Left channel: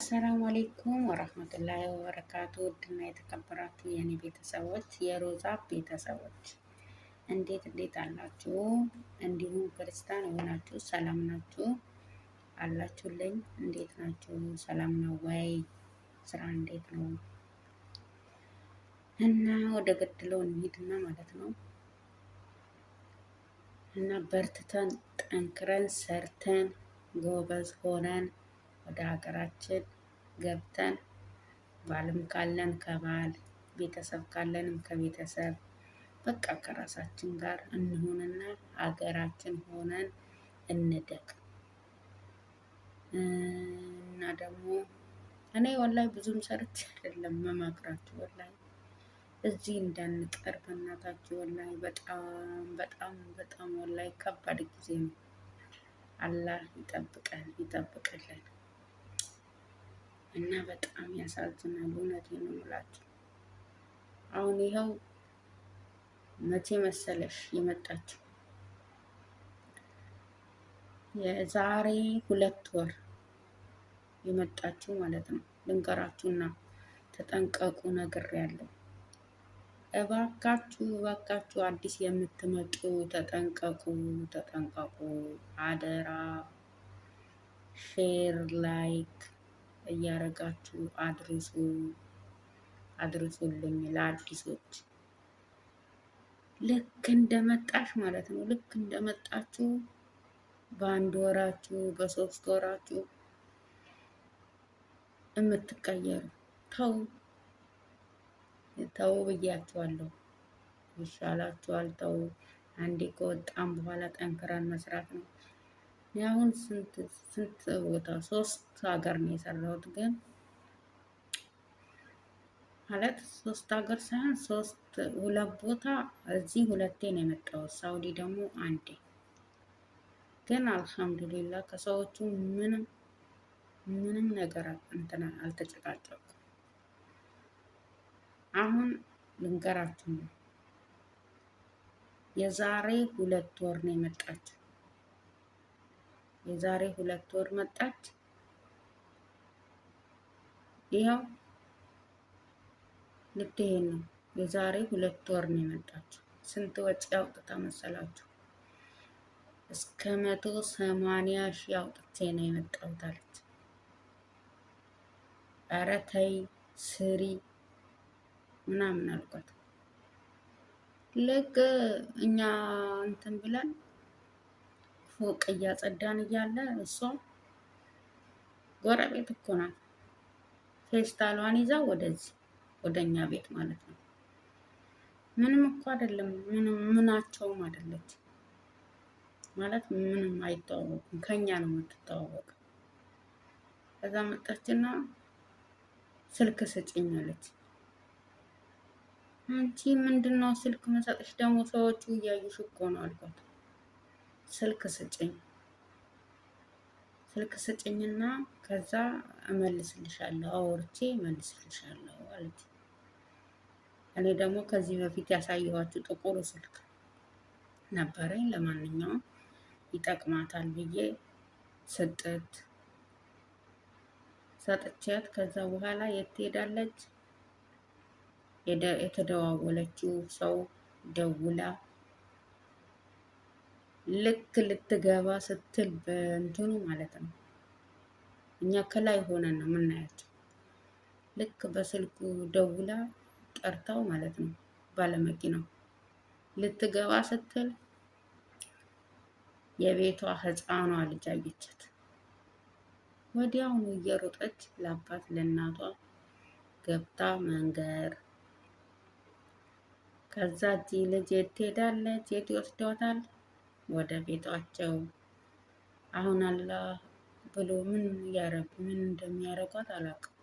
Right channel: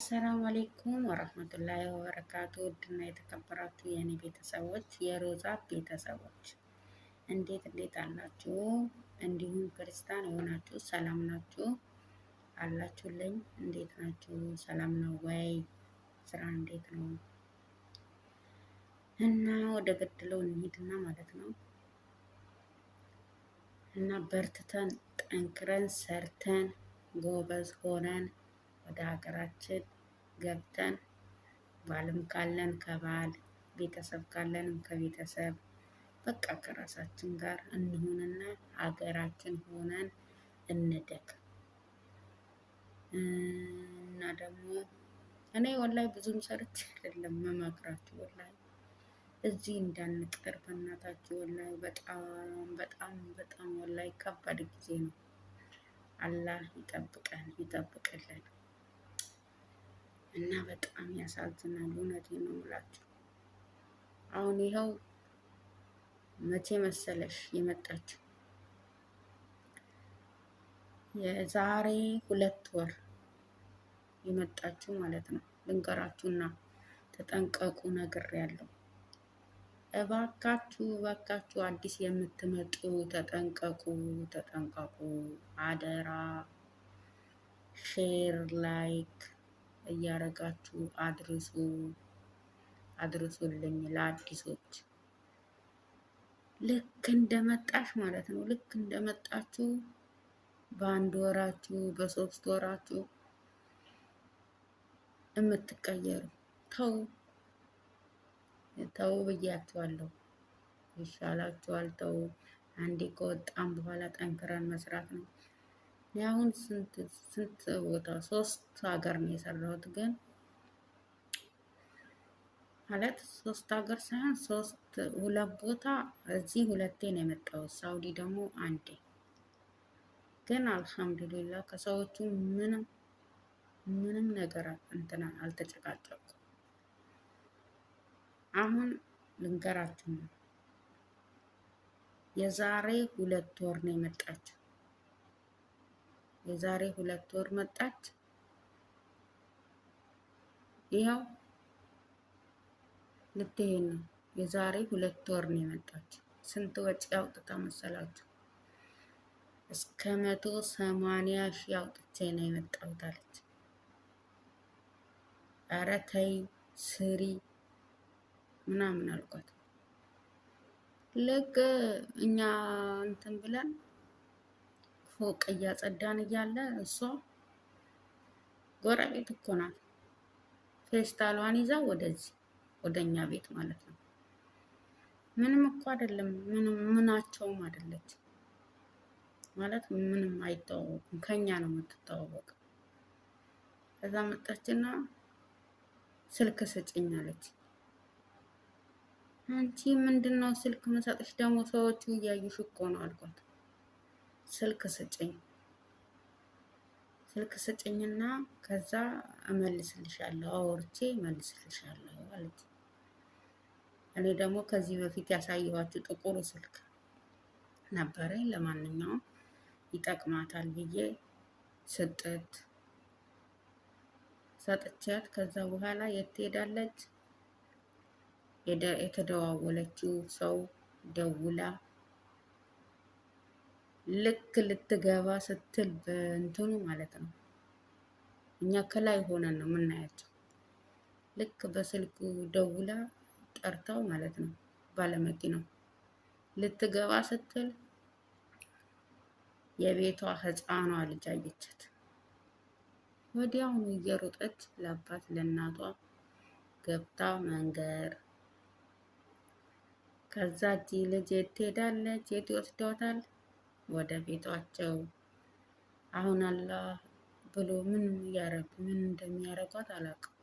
አሰላሙ አሌይኩም ወረህመቱላሂ ወበረካቱ። ውድና የተከበራችሁ የእኔ ቤተሰቦች የሮዛ ቤተሰቦች እንዴት አላችሁ? እንዲሁም ክርስቲያን የሆናችሁ ሰላም ናችሁ አላችሁልኝ? እንዴት ናችሁ? ሰላም ነው ወይ? ስራ እንዴት ነው? እና ወደ ገድለው እንሂድና ማለት ነው እና በርትተን ጠንክረን ሰርተን ጎበዝ ሆነን ወደ ሀገራችን ገብተን ባልም ካለን ከባል ቤተሰብ ካለንም ከቤተሰብ በቃ ከራሳችን ጋር እንሆንና ሀገራችን ሆነን እንደግ እና ደግሞ እኔ ወላሂ ብዙም ሰርቼ አይደለም መመክራችሁ ወላሂ እዚህ እንዳንቀር በእናታችሁ ወላሂ በጣም ወላሂ ከባድ ጊዜ ነው። አላህ ይጠብቅልን እና በጣም ያሳዝናል። እውነቴን ነው የምላችሁ። አሁን ይኸው መቼ መሰለሽ የመጣችው? የዛሬ 2 ወር የመጣችው ማለት ነው። ልንገራችሁና ተጠንቀቁ ነግሬያለሁ። እባካችሁ አዲስ የምትመጡ ተጠንቀቁ አደራ። ሼር ላይክ እያረጋችሁ አድርሱልኝ ለአዲሶች። ልክ እንደመጣሽ ማለት ነው። ልክ እንደመጣችሁ በ1 ወራችሁ በ3 ወራችሁ የምትቀየሩ ተው ብያችኋለሁ። ይሻላችኋል። ተው። አንዴ ከወጣም በኋላ ጠንክረን መስራት ነው። አሁን ስንት ቦታ 3 ሀገር ነው የሰራሁት። ግን ማለት 3 ሀገር ሳይሆን 2 ቦታ እዚህ 2 ነው የመጣሁት። ሳውዲ ደግሞ 1። ግን አልሐምዱሊላህ ከሰዎቹ ምንም ነገር አልተጨቃጨቁም። አሁን ልንገራችሁ ነው። የዛሬ 2 ወር ነው የመጣችው። የዛሬ 2 ወር መጣች። ይኸው ልትሄድ ነው። የዛሬ 2 ወር ነው የመጣችው። ስንት ወጪ አውጥታ መሰላችሁ? እስከ 180 ሺህ አውጥቼ ነው የመጣሁት አለች። ኧረ ተይ ስሪ ምናምን አልኳት። ልክ እኛ እንትን ብለን ፎቅ እያጸዳን እያለ እሷ ጎረቤት እኮ ናት። ፌስታሏን ይዛ ወደኛ ቤት ማለት ነው። ምንም እኮ አይደለም፣ ምናቸውም አይደለች ማለት ምንም አይተዋወቁም። ከኛ ነው የምትተዋወቅ። ከዛ መጣችና ስልክ ስጭኝ አለች። አንቺ ምንድነው ስልክ መሰጥሽ? ደግሞ ሰዎቹ እያዩሽ እኮ ነው አልኳት። ስልክ ስጭኝና ከዛ እመልስልሻለሁ፣ አውርቼ እመልስልሻለሁ አለች። እኔ ደግሞ ከዚህ በፊት ያሳየኋችሁ ጥቁሩ ስልክ ነበረኝ። ለማንኛውም ይጠቅማታል ብዬ ሰጥቻት ከዛ በኋላ የት ትሄዳለች? የተደዋወለችው ሰው ደውላ ልክ ልትገባ ስትል በእንትኑ ማለት ነው። እኛ ከላይ ሆነን ነው የምናያቸው። ልክ በስልኩ ደውላ ጠርታው ማለት ነው ባለመኪናው ልትገባ ስትል የቤቷ ሕፃኗ ልጅ አየቻት። ወዲያውኑ እየሮጠች ለአባት ለእናቷ ገብታ መንገር። ከዛ ልጅ የት ትሄዳለች? የት ይወስዷታል? ወደ ቤቷቸው። አሁን አላህ ብሎ ምን እንደሚያረጓት አላውቅም።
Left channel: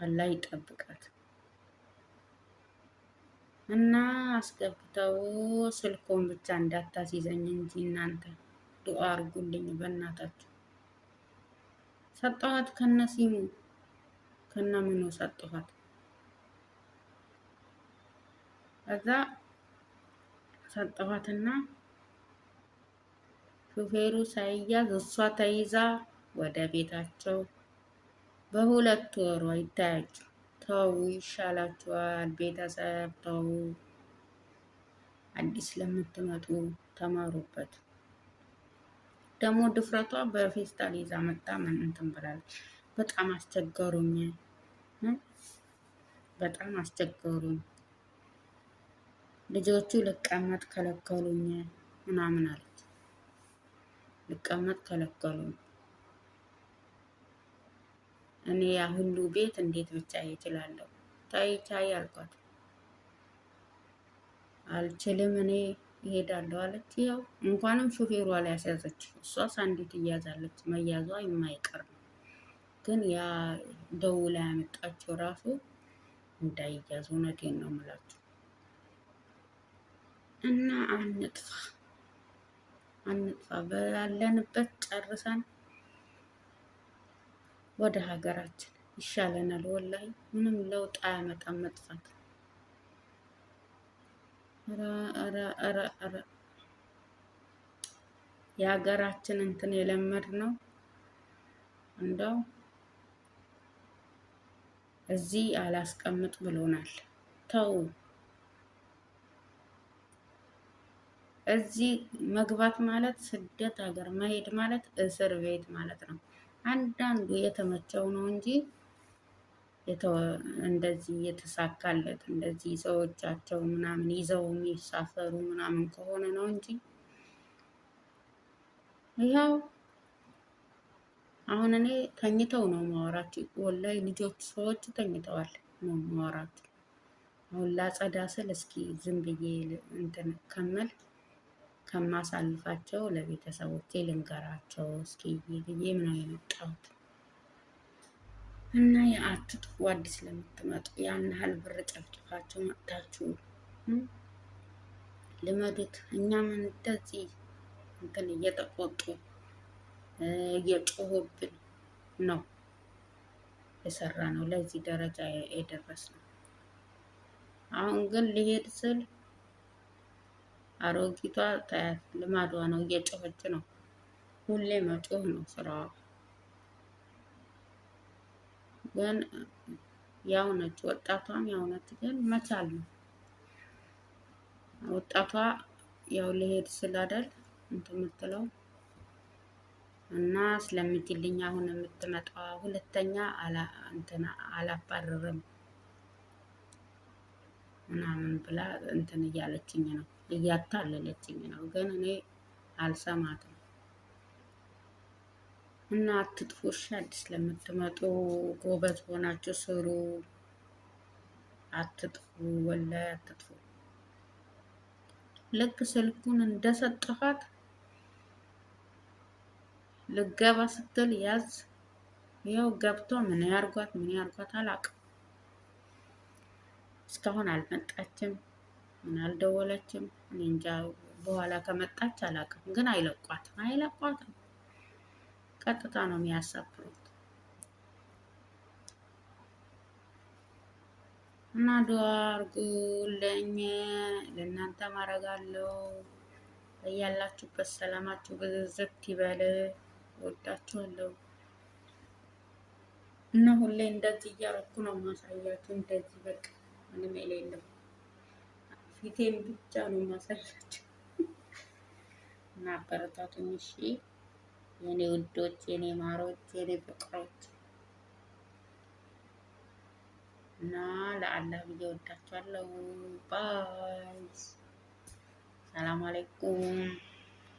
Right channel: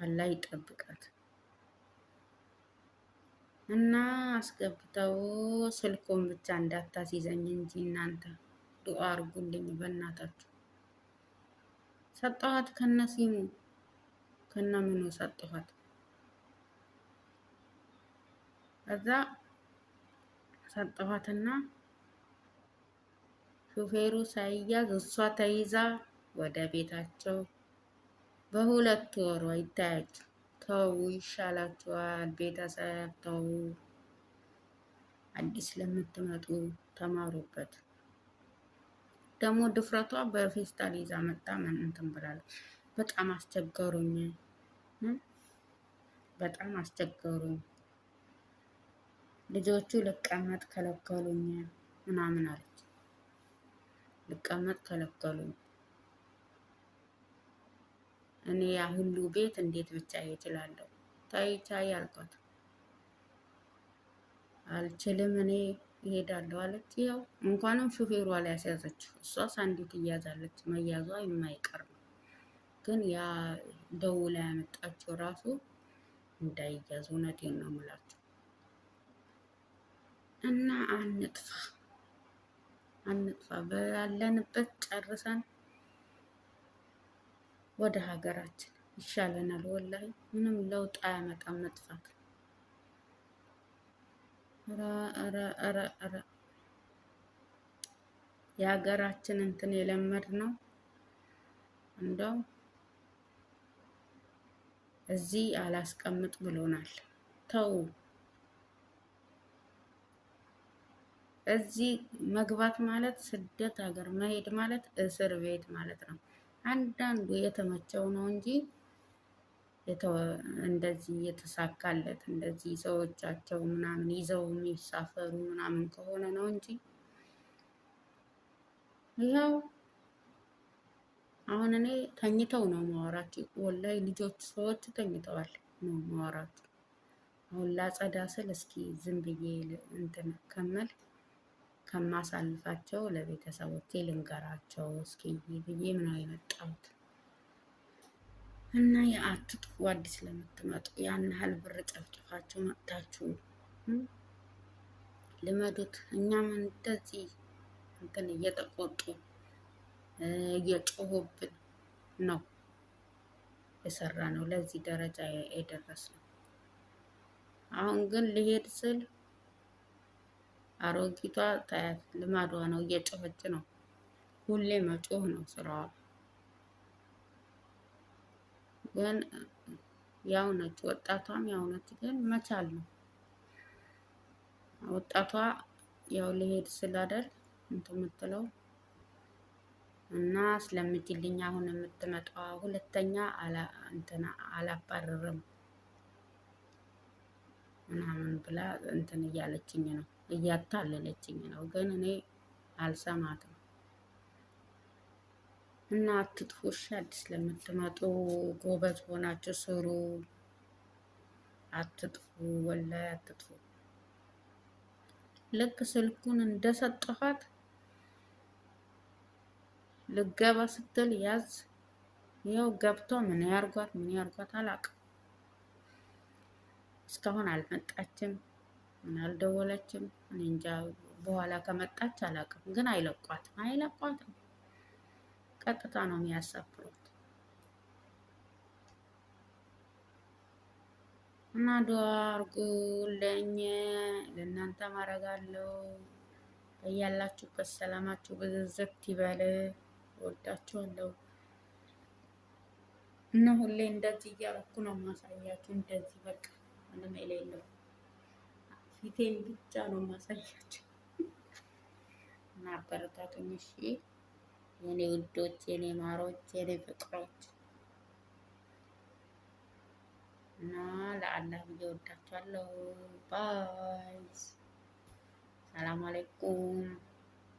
አላህ ይጠብቃት እና አስገብተው ስልኮን ብቻ እንዳታስይዘኝ እንጂ እናንተ ዱአ አርጉልኝ በእናታችሁ። ሰጠኋት ከነሲሙ ከነምኑ ሰጠኋት። ከዛ ሰጠኋትና ሹፌሩ ሳይያዝ እሷ ተይዛ ወደ ቤታቸው በሁለት ወሯ ይታያቸው። ተው ይሻላችኋል። ቤተሰብ ተው። አዲስ ለምትመጡ ተማሩበት። ደግሞ ድፍረቷ በፌስታል ይዛ መጣ ምን እንትን ብላለች። በጣም አስቸገሩኝ፣ በጣም አስቸገሩኝ። ልጆቹ ልቀመጥ ከለከሉኝ ምናምን አለች። ልቀመጥ ከለከሉኝ። እኔ ያ ሁሉ ቤት እንዴት ብቻ እችላለሁ? ታይ ቻይ አልኳት። አልችልም እኔ እሄዳለሁ አለች። ያው እንኳንም ሹፌሯ ላይ ያስያዘች። እሷስ አንዲት እያዛለች፣ መያዟ የማይቀር ነው። ግን ያ ደውላ ያመጣችው ራሱ እንዳይያዝ፣ እውነቴን ነው የምላችሁ። እና አንጥፋ ባለንበት ጨርሰን ወደ ሀገራችን ይሻለናል። ወላሂ ምንም ለውጥ አያመጣም መጥፋት። የሀገራችን እንትን የለመድ ነው። እንደው እዚህ አላስቀምጥ ብሎናል። ተው። እዚህ መግባት ማለት ስደት ሀገር መሄድ ማለት እስር ቤት ማለት ነው። አንዳንዱ የተመቸው ነው እንጂ እንደዚህ የተሳካለት እንደዚህ ሰዎቻቸው ምናምን ይዘው የሚሳፈሩ ምናምን ከሆነ ነው እንጂ ይኸው አሁን እኔ ተኝተው ነው ማወራቸው። ወላሂ ልጆች ሰዎች ተኝተዋል ነው ማወራቸው። አሁን ላጸዳ ስል እስኪ ዝም ብዬ እንትን ከማሳልፋቸው ለቤተሰቦቼ ልንገራቸው እስኪ ብዬ ነው የመጣሁት። እና የአትጥፉ አዲስ ለምትመጡ ያን ያህል ብር ጨፍጭፋችሁ መጥታችሁ ልመዱት። እኛም እንደዚህ እንትን እየተቆጡ እየጮሁብን ነው የሰራ ነው ለዚህ ደረጃ የደረስነው። አሁን ግን ልሄድ ስል አሮጊቷ ታያት ልማዷ ነው፣ እየጮኸች ነው። ሁሌ መጮህ ነው ስራዋ። ግን ያው ነች፣ ወጣቷም ያው ነች። ግን መቻል ነው ወጣቷ ያው ልሄድ ስላደል እንትን የምትለው እና ስለምትልኝ አሁን የምትመጣዋ ሁለተኛ አላባረርም ምናምን ብላ እንትን እያለችኝ ነው፣ እያታለለችኝ ነው። ግን እኔ አልሰማትም። እና አትጥፉ እሺ። አዲስ ለምትመጡ ጎበዝ ሆናችሁ ስሩ። አትጥፉ፣ ወላሂ አትጥፉ። ልክ ስልኩን እንደሰጠኋት ልገባ ስትል ያዝ። ያው ገብቶ ምን ያርጓት አላውቅም። እስካሁን አልመጣችም፣ ምን አልደወለችም። እኔ እንጃ በኋላ ከመጣች አላውቅም። ግን አይለቋትም። ቀጥታ ነው የሚያሳፍሩት። እና ዱአ አርጉልኝ፣ ለእናንተ ማረጋለሁ። እያላችሁበት ሰላማችሁ ብዝዝት ይበል። ወዳችኋለሁ። እና ሁሌ እንደዚህ እያረኩ ነው ማሳያችሁ። እንደዚህ በቃ ምንም የሌለው ፊቴን ብቻ ነው ማሳያችሁ። እና አበረታቱኝ እሺ የኔ ውዶች፣ የኔ ማሮች፣ የኔ ፍቅሮች። እና ለአላህ ብዬ ወዳችኋለሁ። ባይ። ሰላም አለይኩም።